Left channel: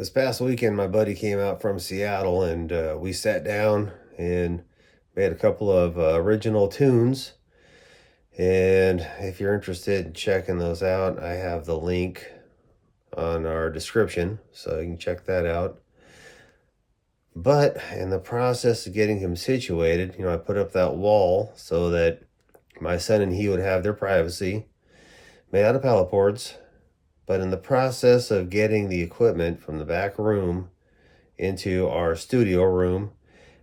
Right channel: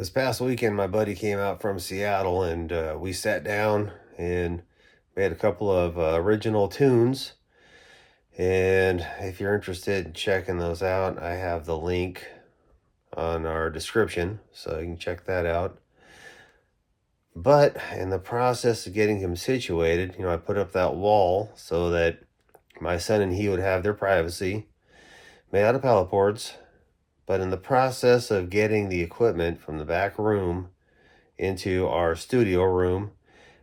This past weekend, my buddy came out from Seattle and we sat down and made a couple of original tunes. And if you're interested in checking those out, I have the link on our description, so you can check that out. But in the process of getting him situated, I put up that wall so that my son and he would have their privacy, made out of pallet boards. But in the process of getting the equipment from the back room into our studio room,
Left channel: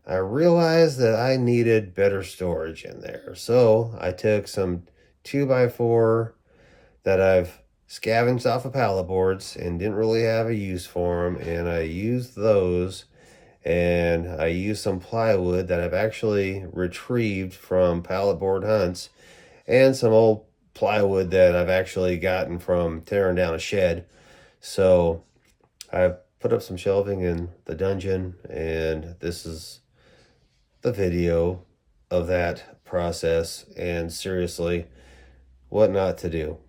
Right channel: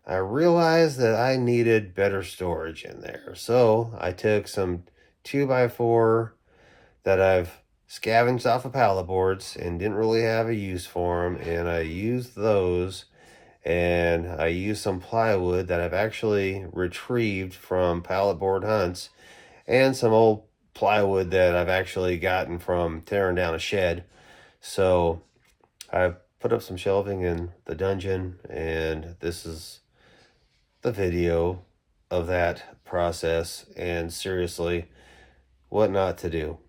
I realized that I needed better storage in there. So I took some 2x4 that I've scavenged off of pallet boards and didn't really have a use for them, and I used those, and I used some plywood that I've actually retrieved from pallet board hunts, and some old plywood that I've actually gotten from tearing down a shed. So I put up some shelving in the dungeon, and this is the video of that process, and seriously, what not to do.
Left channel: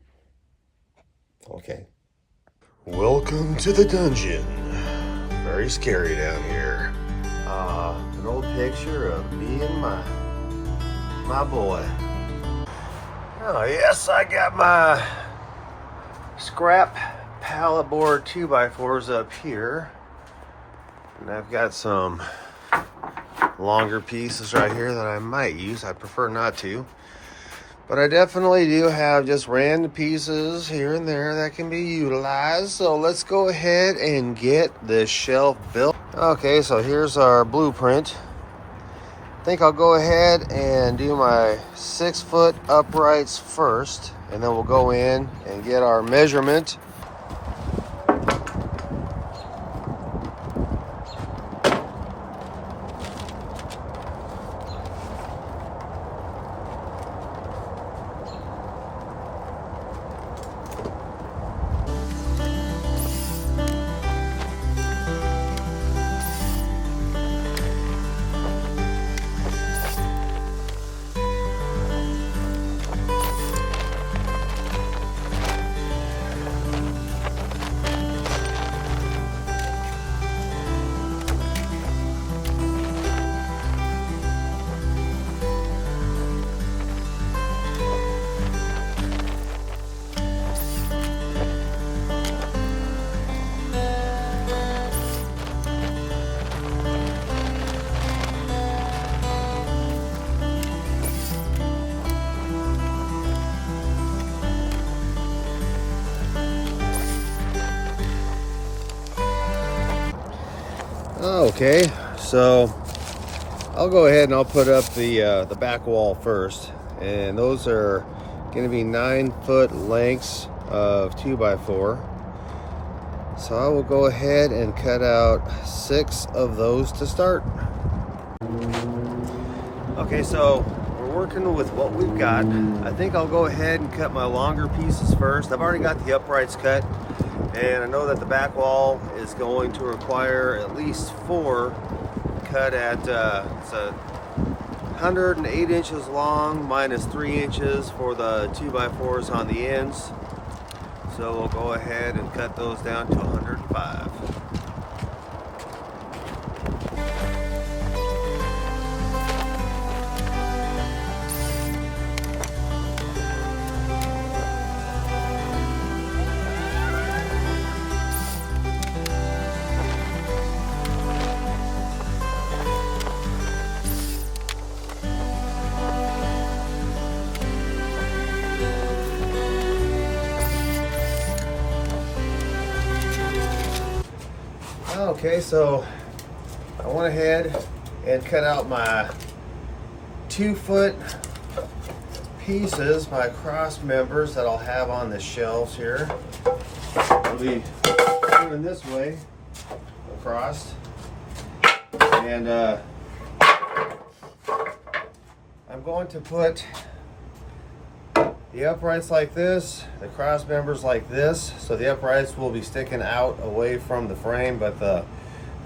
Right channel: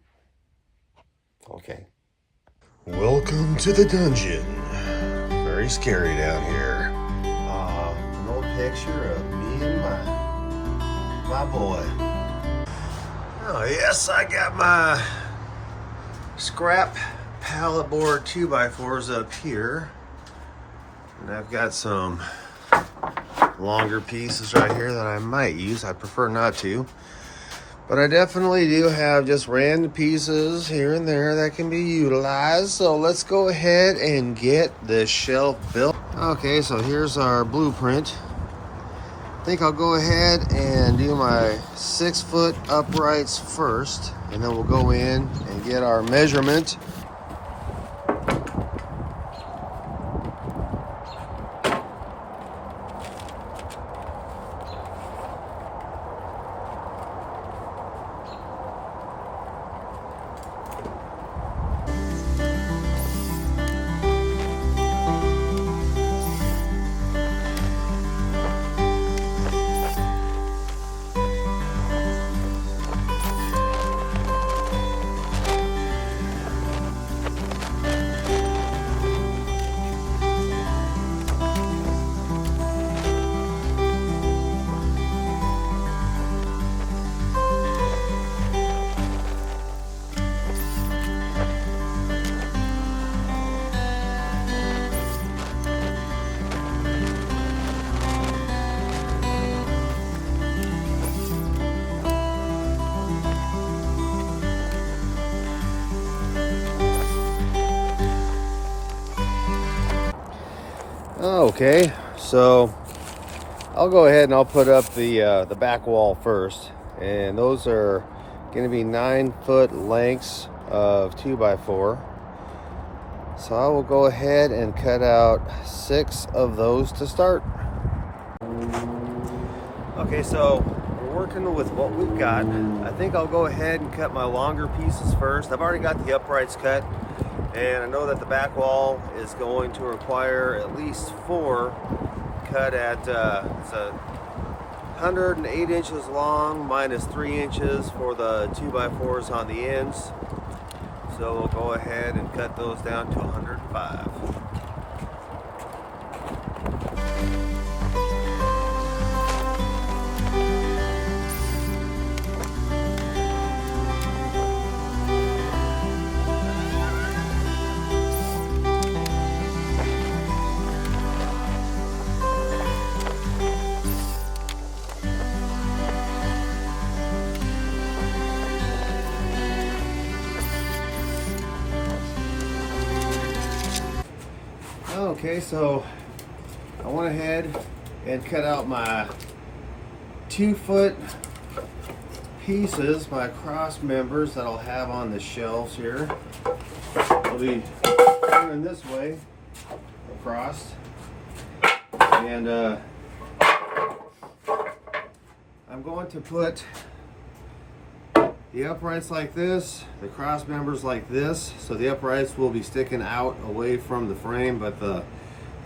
Okay. Welcome to the dungeon. Very scary down here. An old picture of me and my boy. Oh yes, I got my scrap pallet board 2x4s up here, and I've got some longer pieces right here that I might use. I prefer not to, but I definitely do have just random pieces here and there that can be utilized. So let's go ahead and get this shelf built. Okay, so here's our blueprint. I think I'll go ahead and do my 6-foot uprights first, and then we'll go in and get our measurement. Okay, so I'll go ahead and I'll put up the back wall first, and those are going to be 9-foot lengths of 2x4. So I will go ahead and cut out 6 of those to start. Okay, so we're working with what we've got. I think I'll go ahead and cut my longer pieces first. I've already got the uprights cut, and I know that the back wall is going to require at least 4 cut at it's 108 inches long minus 3 inches for the 2x4s on the ends. So we'll go ahead and cut those down to 105. Okay, so I went ahead and cut out my 2-foot pieces, my cross members that I'll have on the shelves here. I'll be turning this way across, and I'm going to put the uprights like this, the cross members like this. So the uprights will be sticking out away from the frame, but the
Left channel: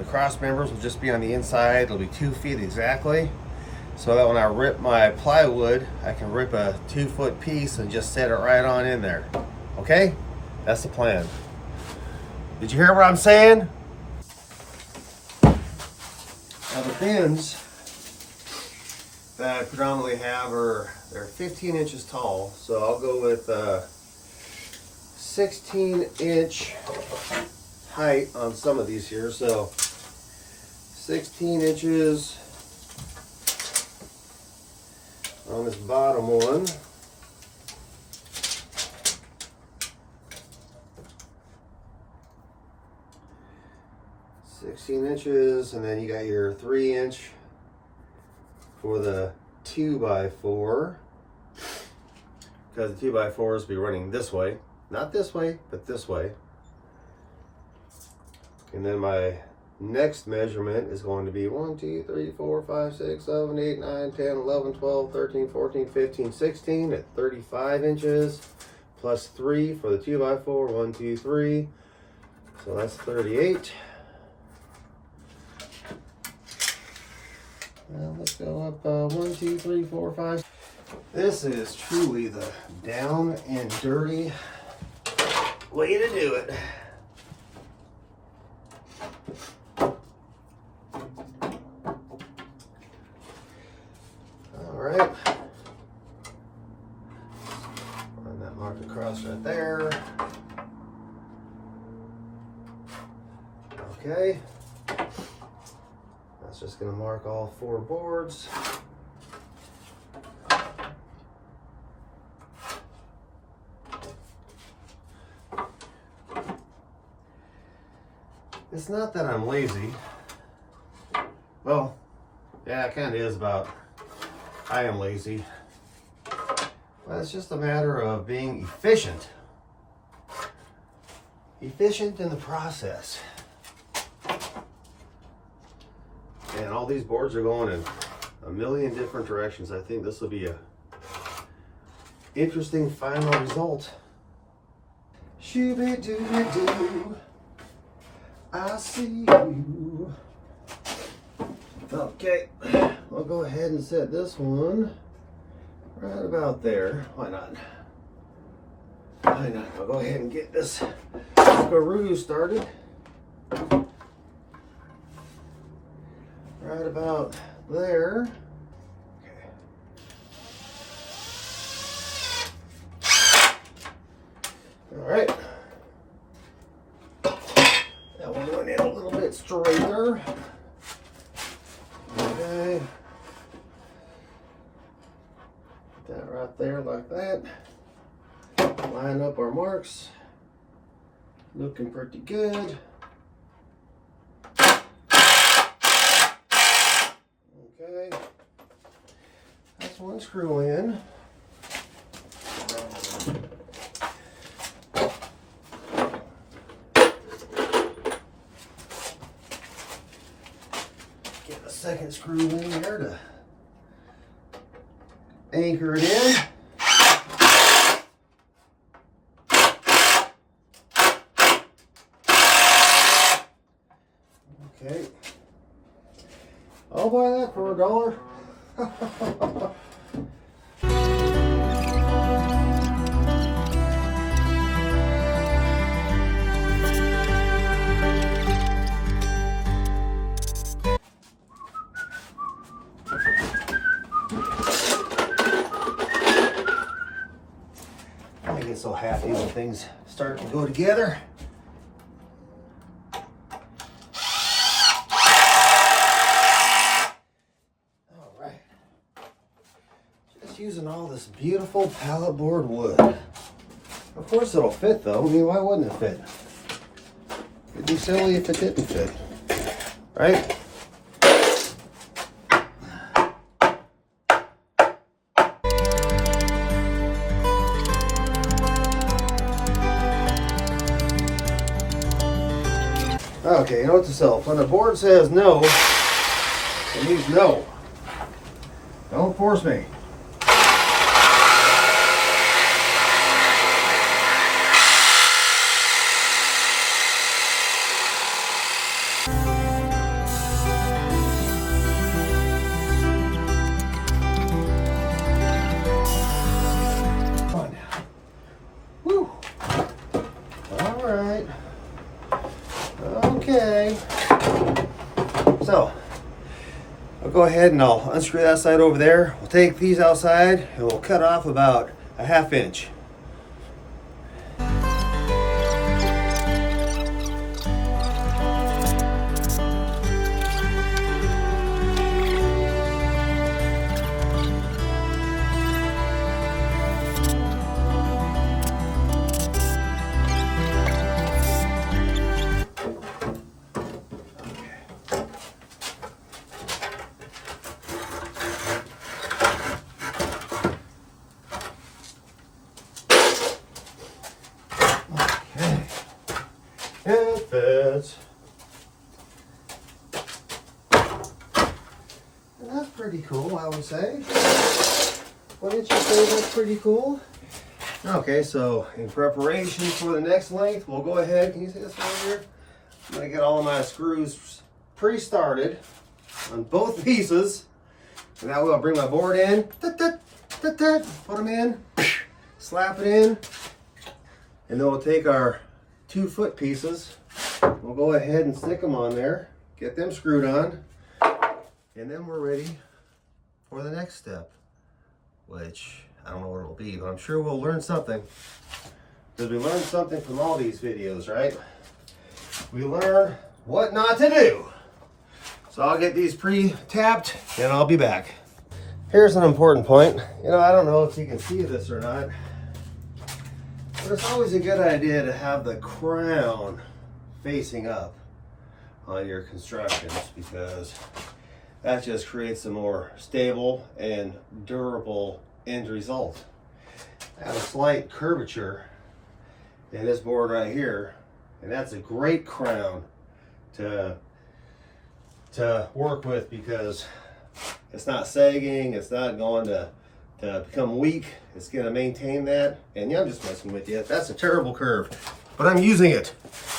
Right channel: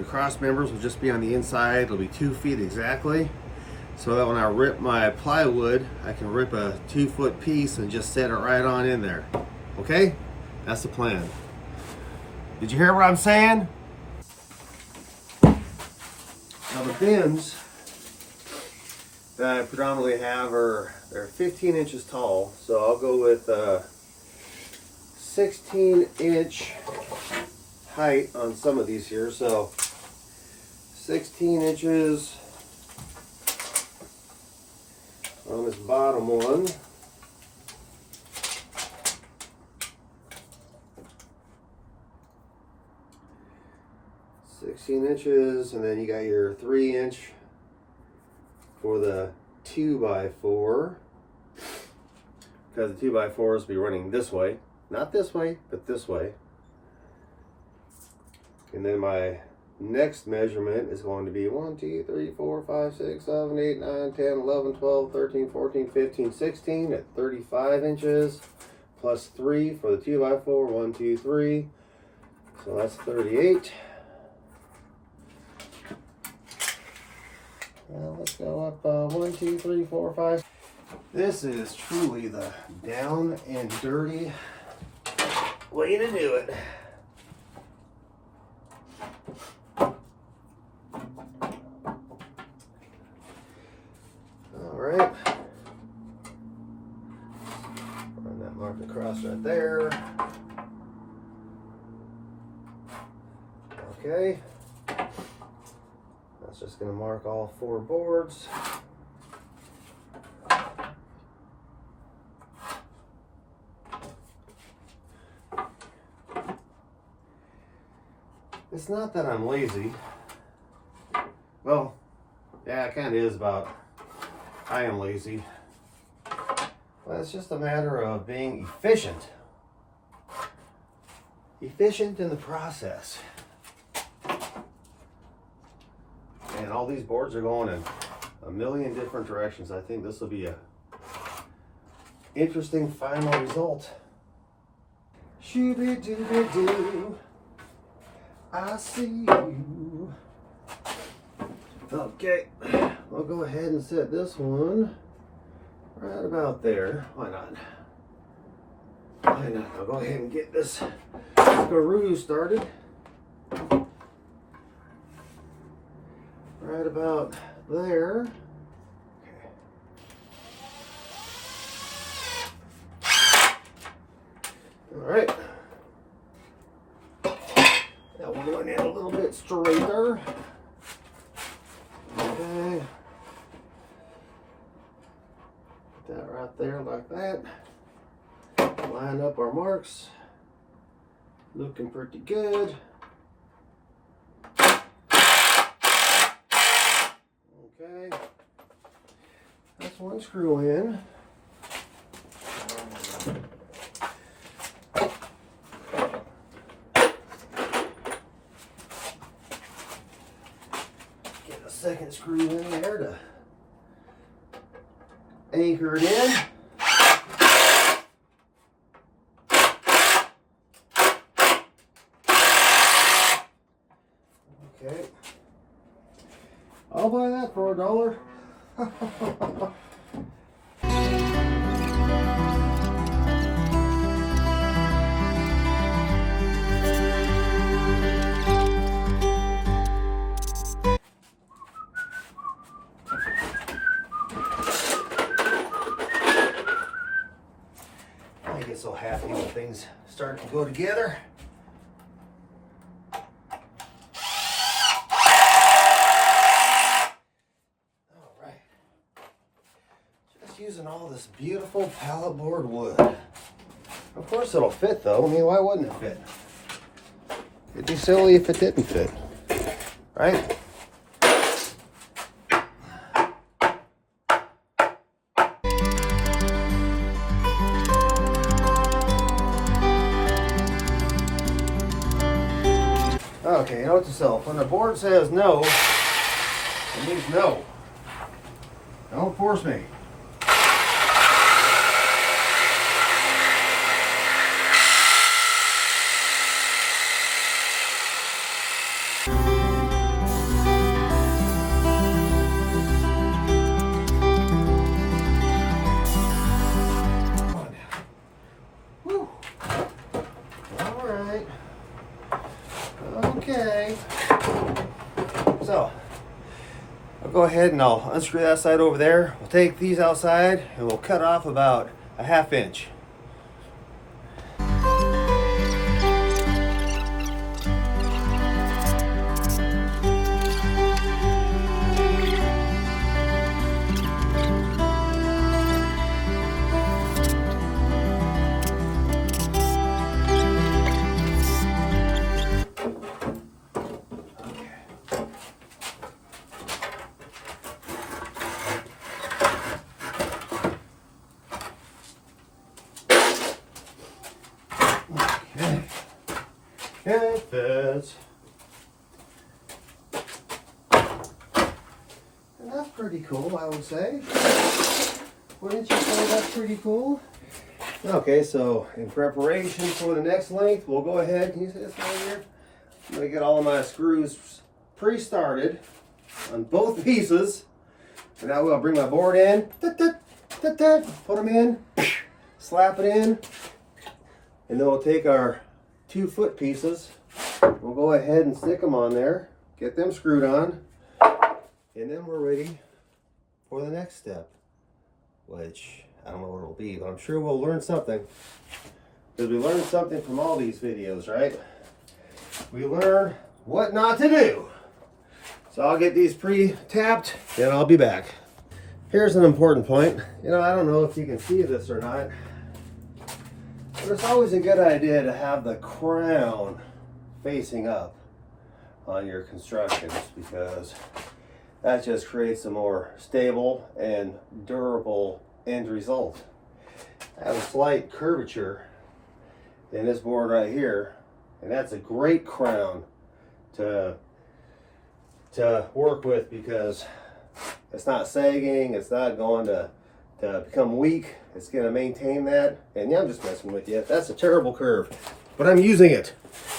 cross members will just be on the inside. It'll be 2 feet exactly, so that when I rip my plywood, I can rip a 2-foot piece and just set it right on in there. Okay, that's the plan. Did you hear what I'm saying? bins that I predominantly have they're 15 inches tall, so I'll go with 16-inch height on some of these here. So 16 inches on this bottom one. $16 and then you got your 3-inch for the 2x4, because the 2x4s will be running this way, not this way, but this way. And then my next measurement is going to be 1, 2, 3, 4, 5, 6, 7, 8, 9, 10, 11, 12, 13, 14, 15, 16 at 35 inches, plus 3 for the 2x4, 1, 2, 3. So that's 38. Let's go up 1, 2, 3, 4, 5. This is truly the down and dirty way to do it. All right. Run that mark across right there. Okay. That's just going to mark all 4 boards. It's not that I'm lazy. Well, yeah, it kind of is about I am lazy. But it's just a matter of being efficient. Efficient in the process. And all these boards are going in a million different directions. I think this will be a interesting final result. Shooby-dooby-doo, I see you. Okay, I'll go ahead and set this one right about there. Why not? Why not? I'll go ahead and get this Karoo started. Right about there. Okay. All right. That one went in a little bit straighter. Okay. Put that right there like that. Line up our marks. Looking pretty good. Okay, that's one screw in. Get a second screw in there to anchor it in. Okay. I'll buy that for $1. I get so happy when things start to go together. Using all this beautiful pallet board wood. Of course it'll fit though. I mean, why wouldn't it fit? It'd be silly if it didn't fit. Right? Okay, you know what to self. When the board says no, it means no. Don't force me. I'll go ahead and I'll unscrew that side over there. We'll take these outside and we'll cut off about a 1/2 inch. It fits. And that's pretty cool, I would say. Wouldn't you say that's pretty cool? Okay, so in preparation for the next length, we'll go ahead. Can you see this right here? I'm going to get all of my screws pre-started on both pieces. And that way I'll bring my board in, put them in, slap it in, and then we'll take our 2-foot pieces. We'll go ahead and stick them on there, get them screwed on, and then we're ready for the next step, which I don't know what it'll be, but I'm sure we'll learn something. Because we learn something from all these videos, right? We learn what not to do. So I'll get these pre-tapped and I'll be back. Here's an important point. You know, I don't know if you can see this or not, but it's always a good idea to have the crown facing up on your constructions, because that just creates a more stable and durable end result. I have a slight curvature in this board right here, and that's a great crown to work with, because it's not sagging, it's not going to become weak. It's going to maintain that. And yeah, I'm just messing with you. That's a terrible curve, but I'm using it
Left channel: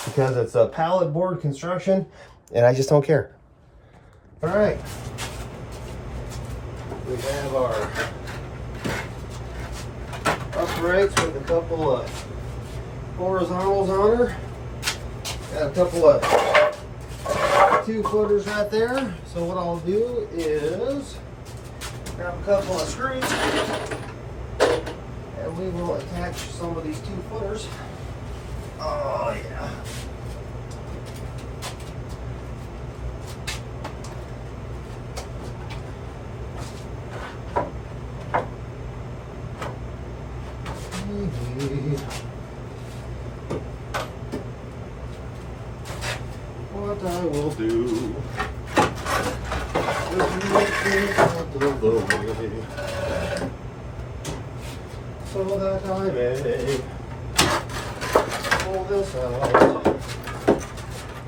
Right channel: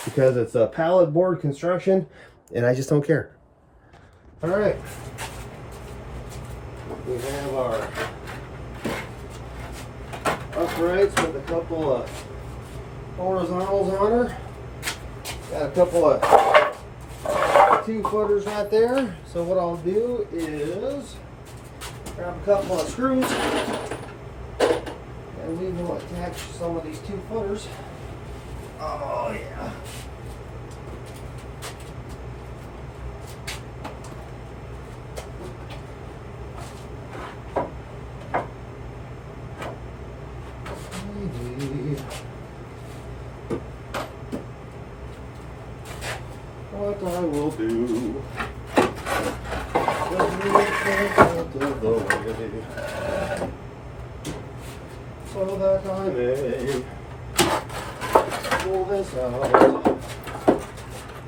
because it's a pallet board construction and I just don't care. All right, we have our uprights with a couple of horizontals on her. Got a couple of 2-footers right there. So what I'll do is grab a couple of screws and we will attach some of these 2-footers. Oh yeah. What I will do so that I may pull this out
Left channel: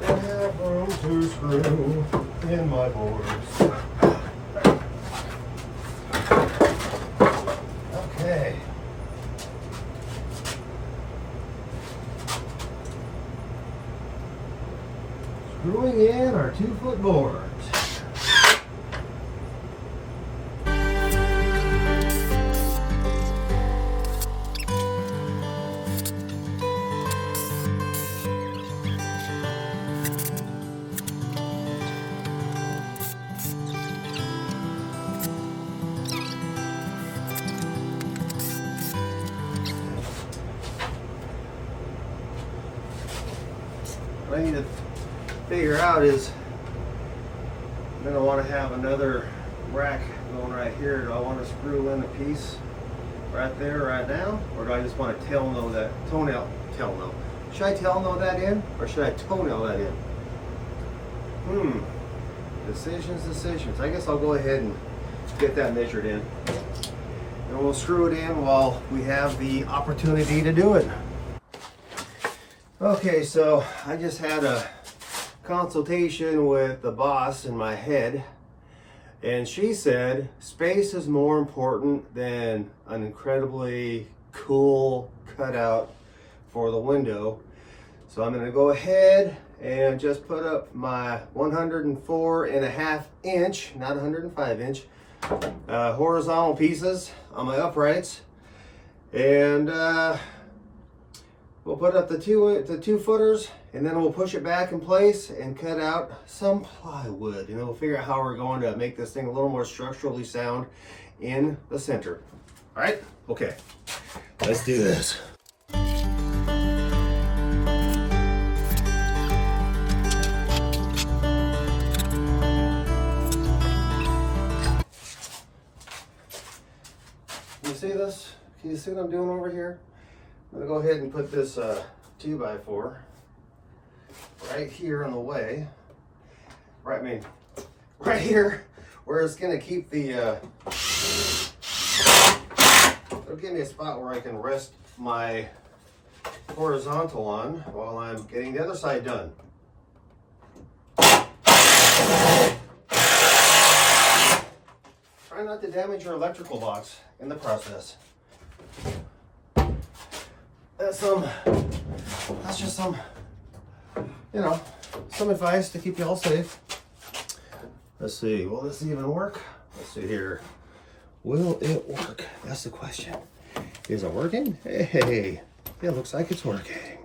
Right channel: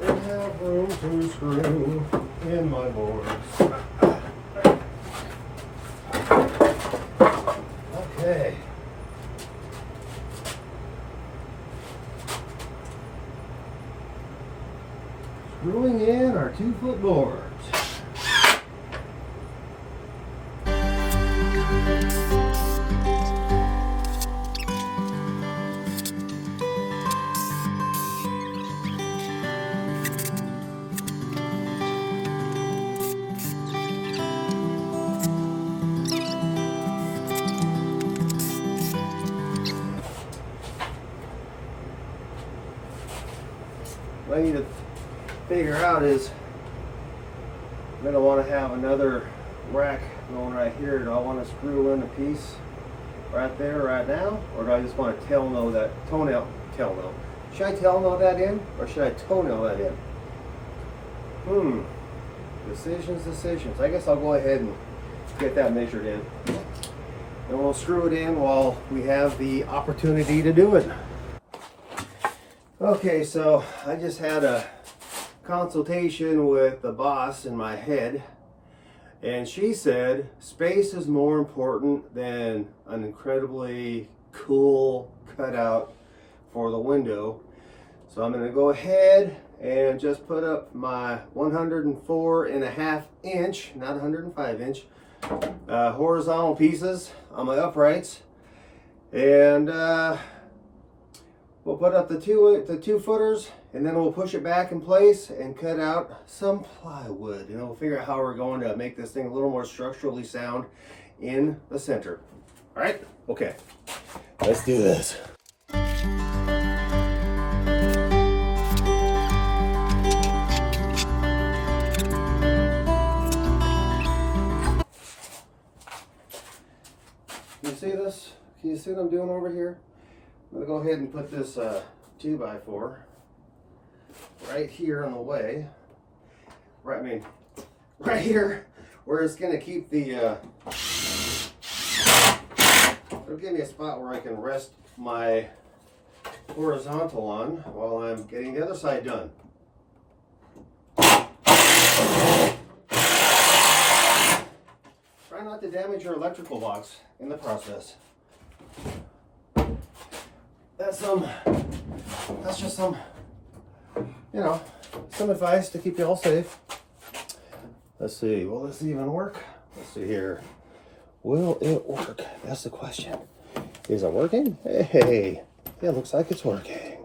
and have room to screw in my boards. Okay. Screwing in our 2-foot boards. What I need to figure out is, I'm going to want to have another rack going right here. Do I want to screw in a piece right there right now, or do I just want to toenail that should I toenail that in, or should I toenail that in? Decisions. I guess I'll go ahead and get that measured in, and we'll screw it in while we have the opportunity to do it. Okay, so I just had a consultation with the boss in my head, and she said space is more important than an incredibly cool cutout for the window. So I'm going to go ahead and just put up my 104.5 inch, not 105 inch, horizontal pieces on my uprights, and we'll put up the 2-footers, And then we'll push it back in place and cut out some plywood. And we'll figure out how we're going to make this thing a little more structurally sound in the center. All right, okay, let's do this. Can you see this? Can you see what I'm doing over here? I'm gonna go ahead and put this 2x4 right here on the way. Right here, where it's gonna keep the, it'll give me a spot where I can rest my horizontal on while I'm getting the other side done. Try not to damage your electrical box in the process. That's just some, you know, some advice to keep you all safe. Let's see, will this even work? Let's see here. Will it work? That's the question. Is it working? Hey, it looks like it's working.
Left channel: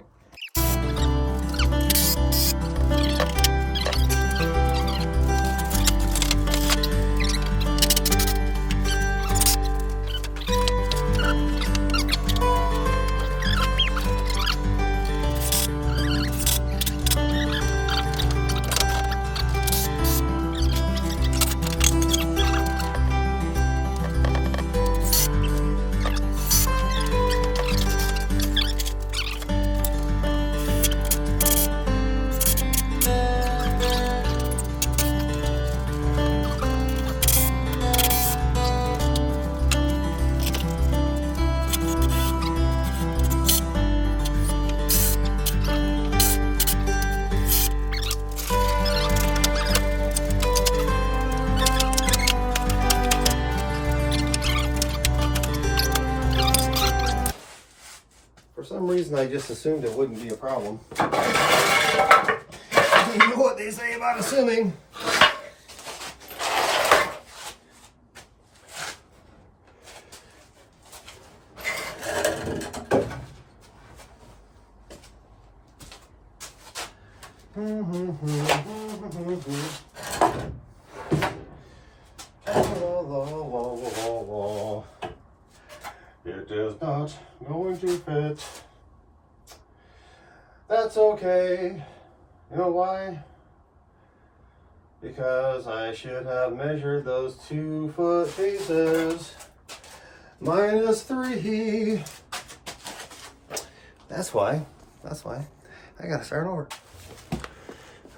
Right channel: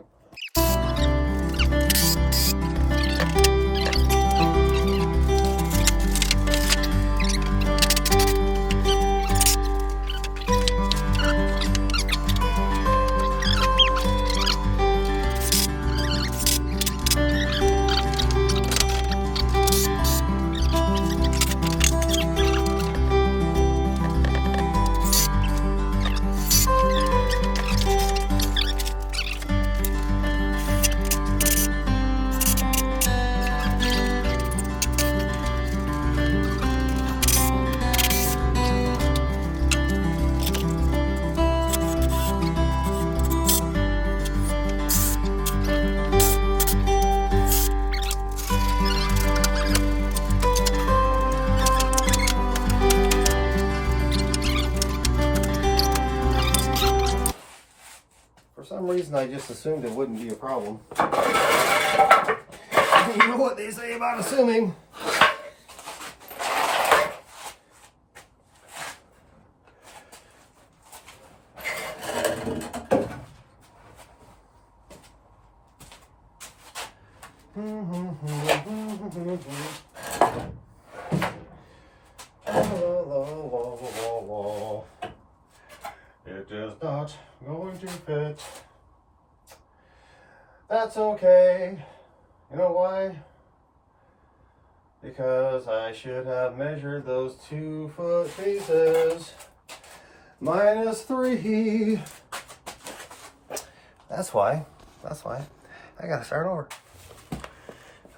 For some reason, I just assumed it wouldn't be a problem. You know what they say about assuming. It is not going to fit. That's okay. You know why? Because I should have measured those 2 foot pieces. -3. That's why. I gotta start over.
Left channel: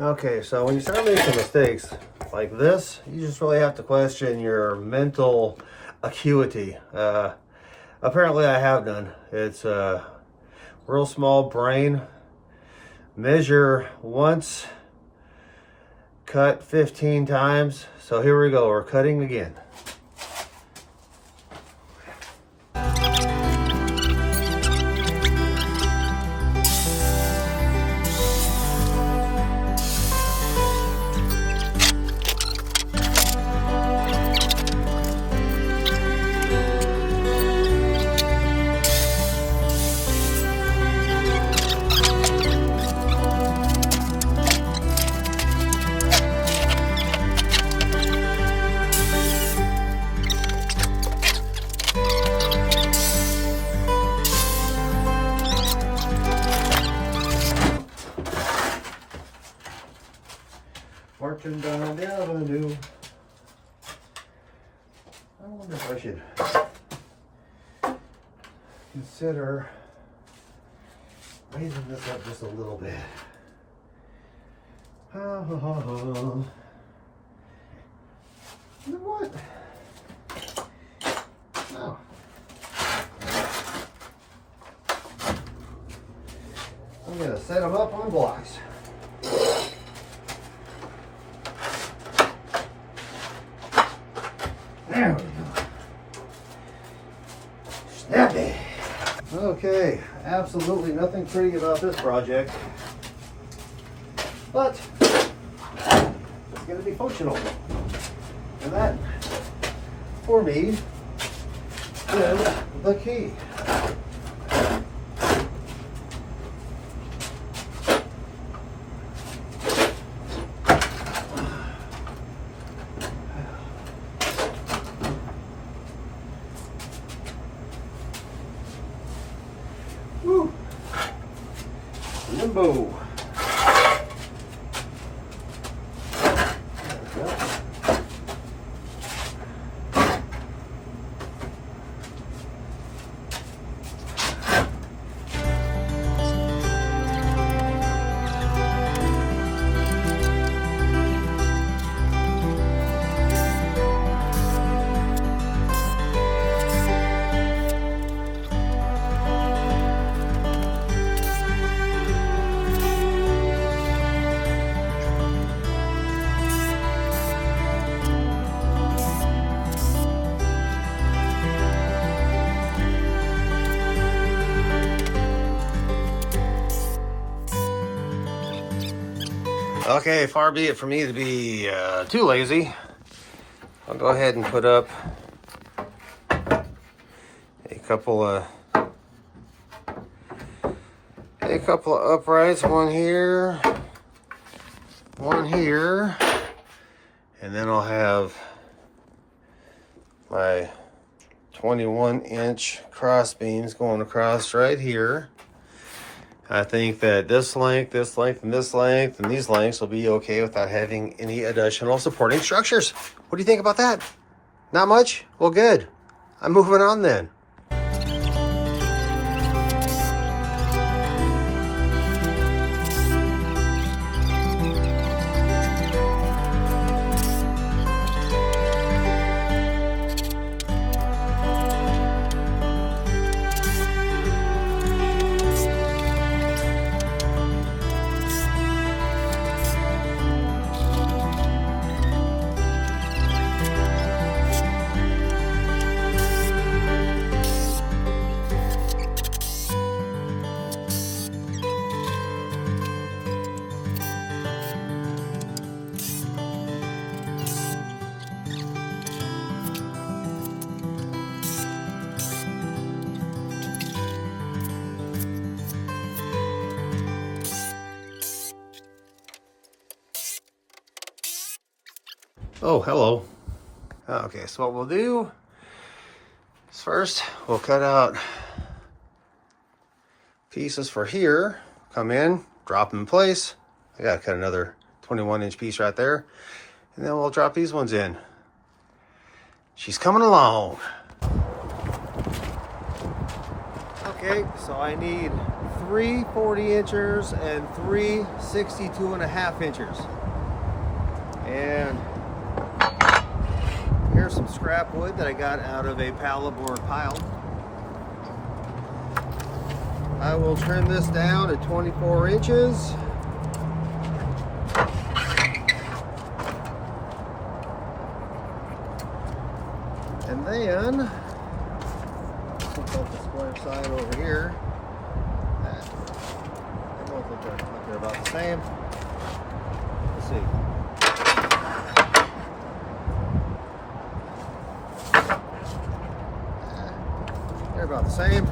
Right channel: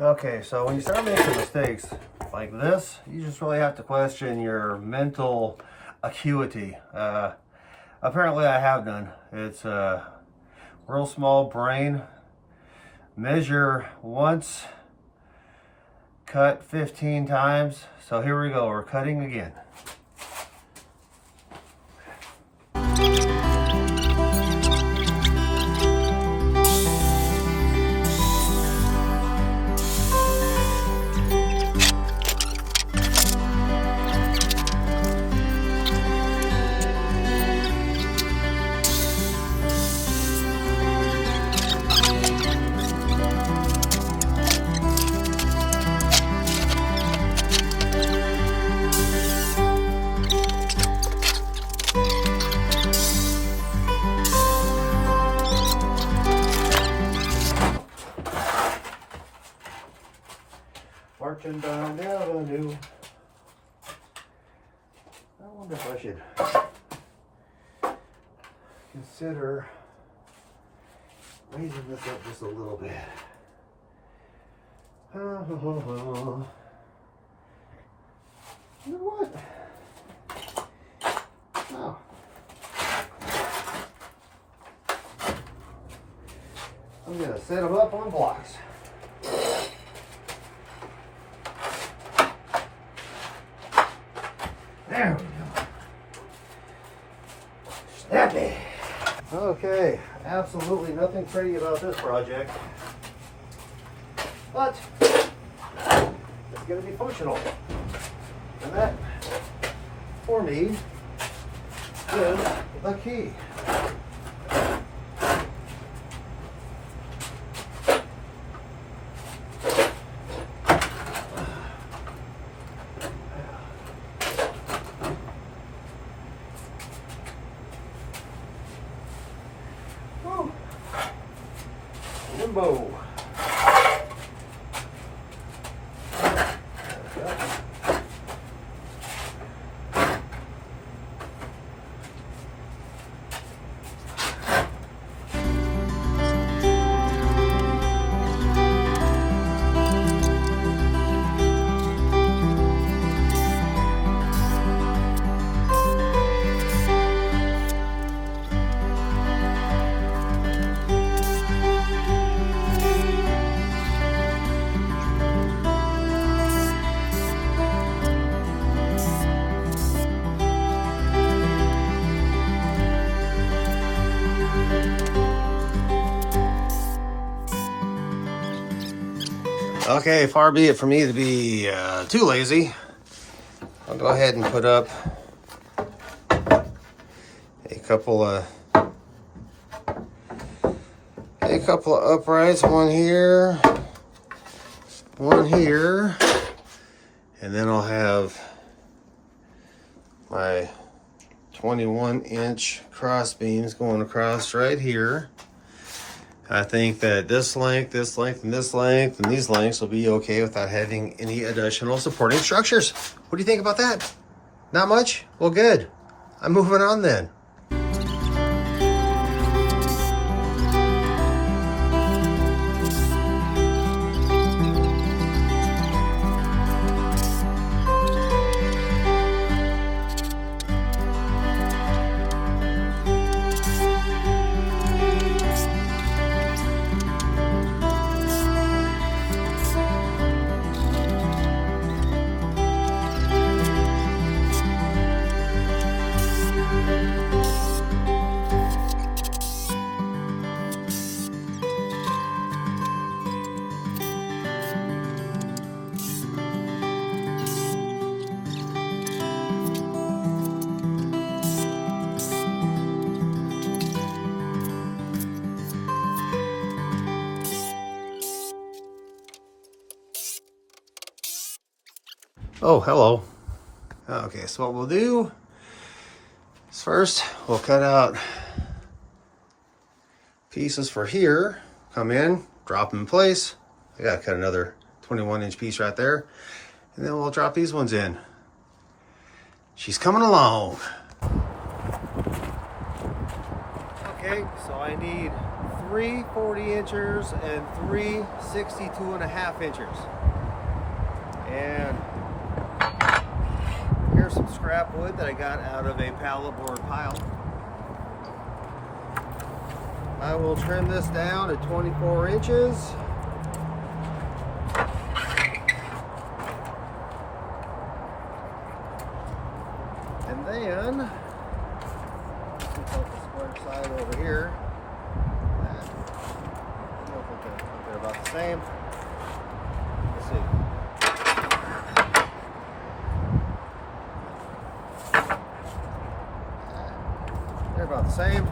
Okay, so when you start making mistakes like this, you just really have to question your mental acuity. Apparently I have none. It's a real small brain. Measure once, cut 15 times. So here we go, we're cutting again. Marching down the avenue. I wonder if I should consider raising this up just a little bit. You know what? No. I'm gonna set them up on blocks. There we go. Snappy. Okay, absolutely nothing pretty about this project, but it's going to be functional. And that, for me, is the key. Oh. Okay, far be it from me to be too lazy. I'll go ahead and put up a couple of uprights, one here, and then I'll have my 21-inch cross beams going across right here. I think that this length, and these lengths will be okay without having any additional supporting structures. What do you think about that? Not much? Well, good. I'm moving on then. Oh, hello. Okay, so what we'll do is first we'll cut out pieces for here, come in, drop them in place. I gotta cut another 21-inch piece right there, and then we'll drop these ones in. She's coming along. Okay, so I need 3 40-inchers and 3 62.5 inchers. And here's some scrap wood that I got out of a pallet board pile. I will trim this down to 24 inches. And then, we'll put the square side over here. They both look like they're about the same. Let's see. They're about the same.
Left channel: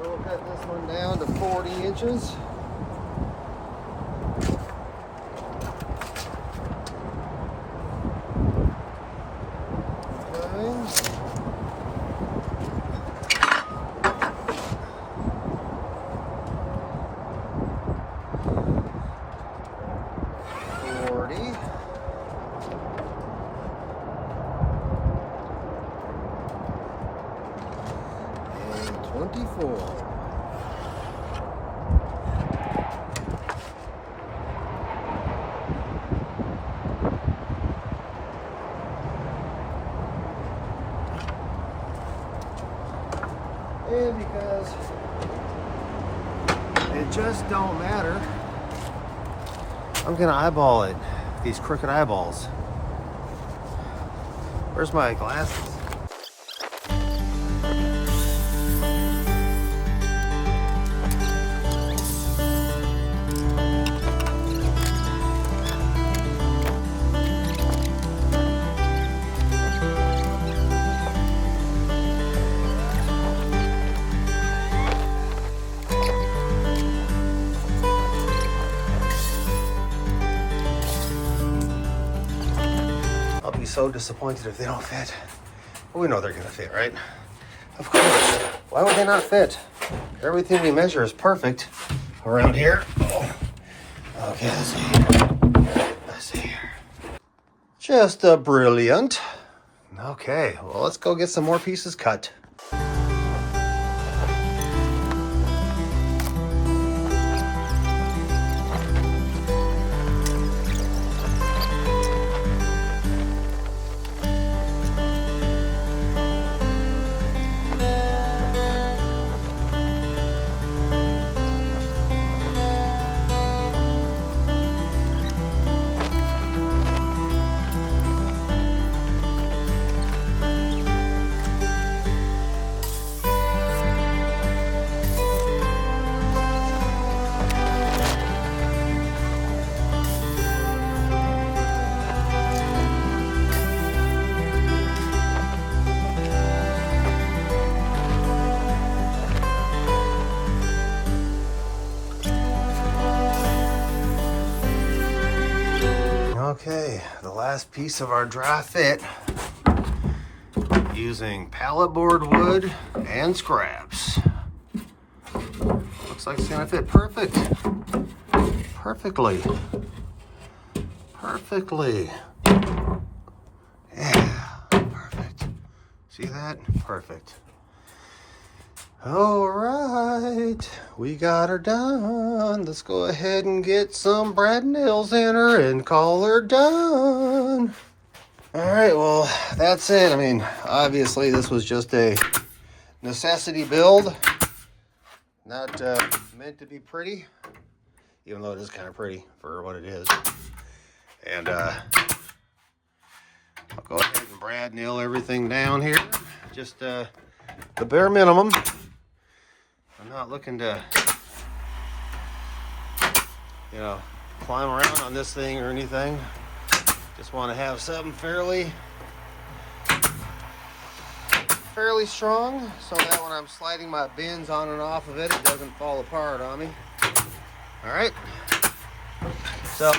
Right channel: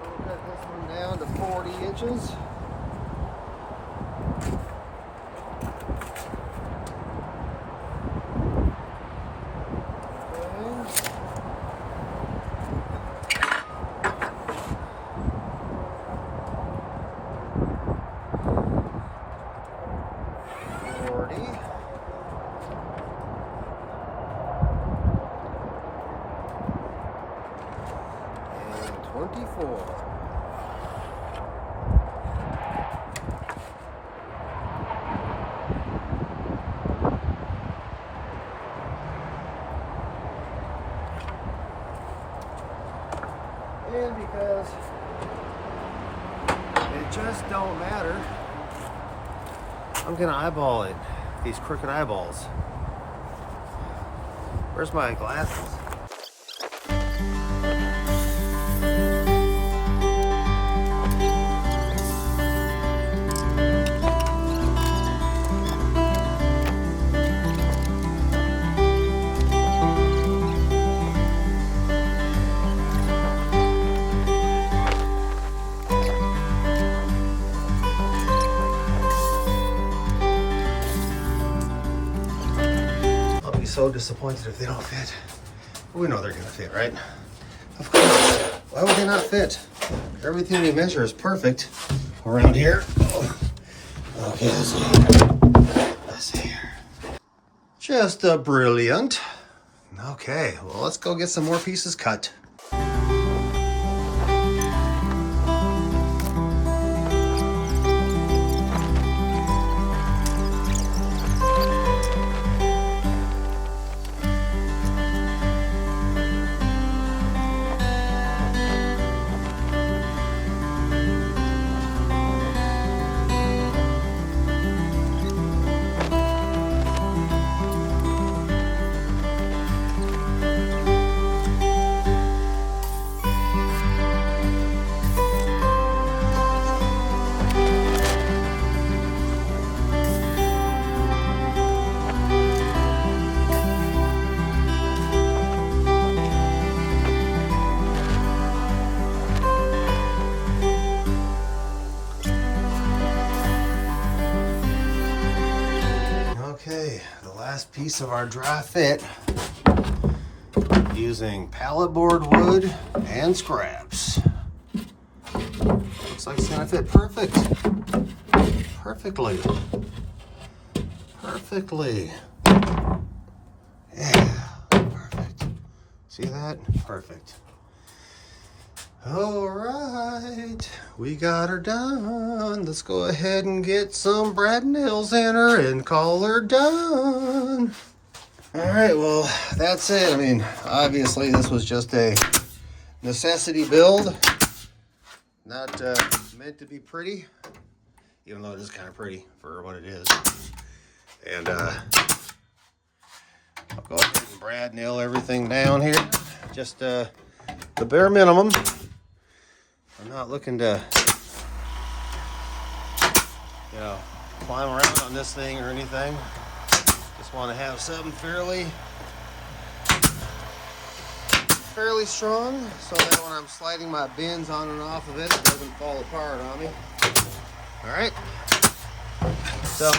We'll cut this one down to 40 inches. And 24. And because it just don't matter, I'm gonna eyeball it. These crooked eyeballs. Where's my glasses? So disappointed if they don't fit. Well, we know they're gonna fit, right? Of course. Why would they not fit? everything we measure is perfect around here. Okay, let's see here. Just brilliant. Okay, well, let's go get some more pieces cut. Okay, the last piece of our dry fit, using pallet board wood and scraps. Looks like it's gonna fit perfectly. Yeah, perfect. See that? Perfect. All right, we got her done. Let's go ahead and get some brad nails in her and call her done. All right, well, that's it. I mean, obviously this was just a necessity build, not meant to be pretty, even though it is kind of pretty for what it is. And I'll go ahead and brad nail everything down here, just the bare minimum. I'm not looking to, you know, climb around on this thing or anything. Just want to have something fairly strong, so that when I'm sliding my bins on and off of it, it doesn't fall apart on me. All right, so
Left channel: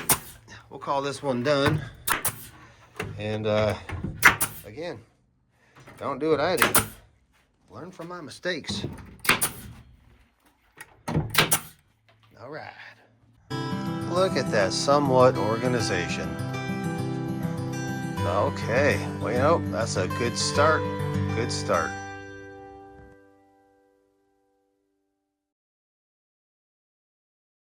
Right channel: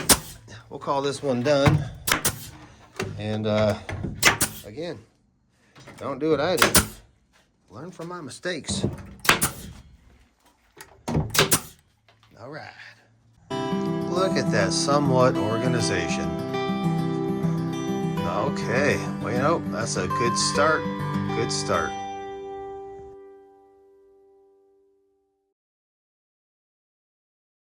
we'll call this one done. And again, don't do what I did. Learn from my mistakes. All right. Look at that somewhat organization. Okay, well, you know, that's a good start. Good start.